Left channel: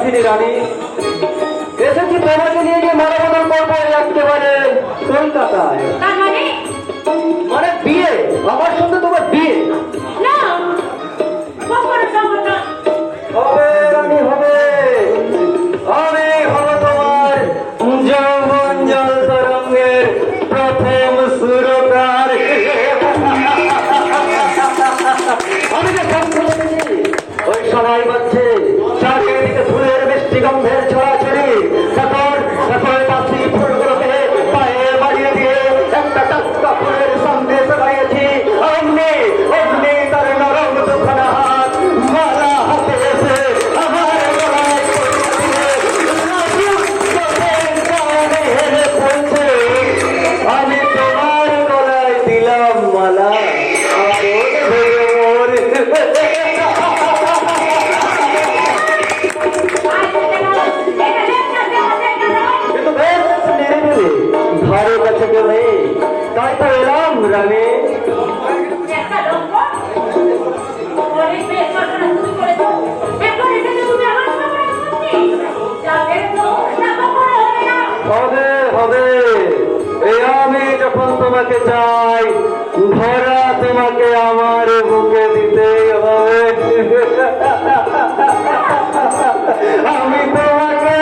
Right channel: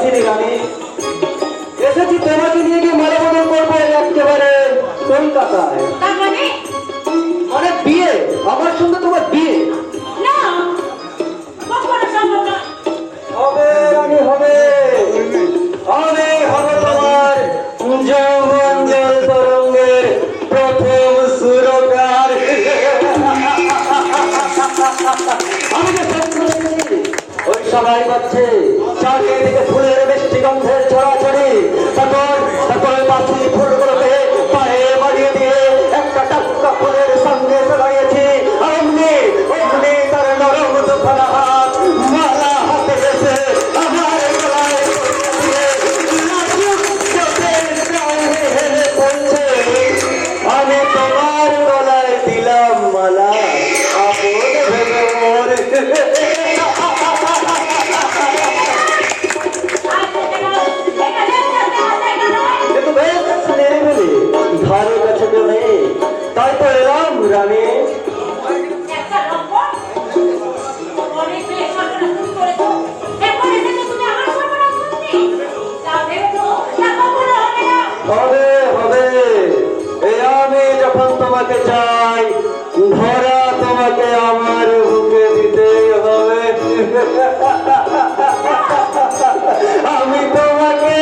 আসিনি রানী, এসেছি তোমাকে নিয়ে গিয়ে মানবন্ধন করবো একেবারে কলকাতায়। মানে বিয়ে, আমার সঙ্গে তোমার বিয়ে হবে রানী, হবে। আমি হব তোমার যৌবন জল তরঙ্গের প্রথম সুরকার। আমি যে সব শুনেছি, ওই সময় বাজছে চারিদিকে ফুলের মিষ্টি গন্ধের ছড়াছড়ি। তারপর পাখি ফুলগুলোকে পায়ে বাড়িয়ে দিয়ে একটা টাটকা ফুলের সন্দেশ লাগিয়েছি। অমনি অমনি তার নরম দুখানা হাত মালা হাতে এসে আমার গলায় আমি তোমার গলায় দিলাম মালা। ধারে কাছে কেউ নেই, তাই তো এলাম রানী। হবে হবে, আমি যখন তোমাকে চাই ধরা তোমাকে আমার বুকে দিতেই হবে। আমি তোমাকে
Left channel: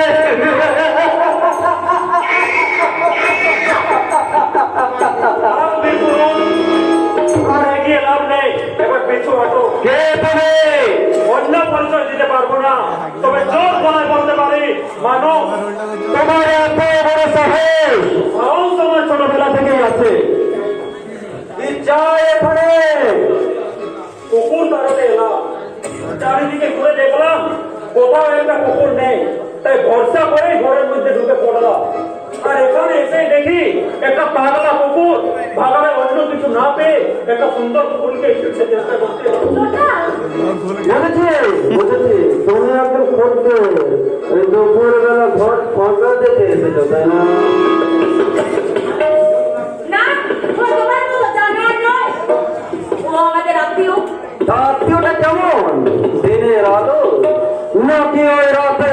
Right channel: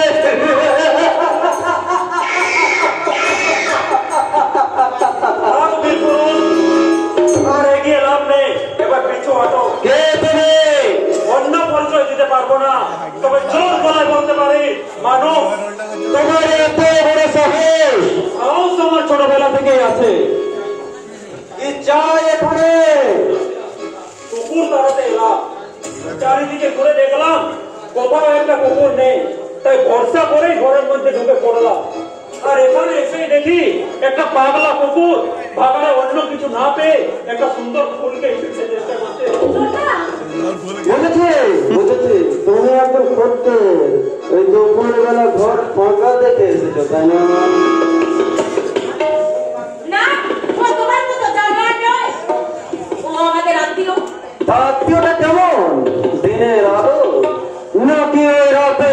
অন্য পরিচয় দিতে পারবো না, তবে জোর গলায় বলতে পারি মানো তোমার এত বড় সাহস আমার ছোটবেলা থেকেই আছে। কি চাই এখানে? কুকুর তাড়াতে এলাম, চারিদিকে ঘুরে দেখলাম কোথাও একটা কুকুর নেই, তাই ভরসা করে ঘরের মধ্যে ঢুকে পড়লাম। আর এখানে এসে দেখি একটা পাগলা কুকুর ভাগলে অন্য কিছু না পেয়ে একটা সুন্দর ফুলকে ছুটতে চেষ্টা করছে। বুঝেছি বুঝেছি, তুমি একদম করতে ওই দুপুর বেলা ঘর ফাঁকা যেতে এসেছো, তাই না? আত্মীয়টা কেমন? দিনের আলো নাকি ওই রাতে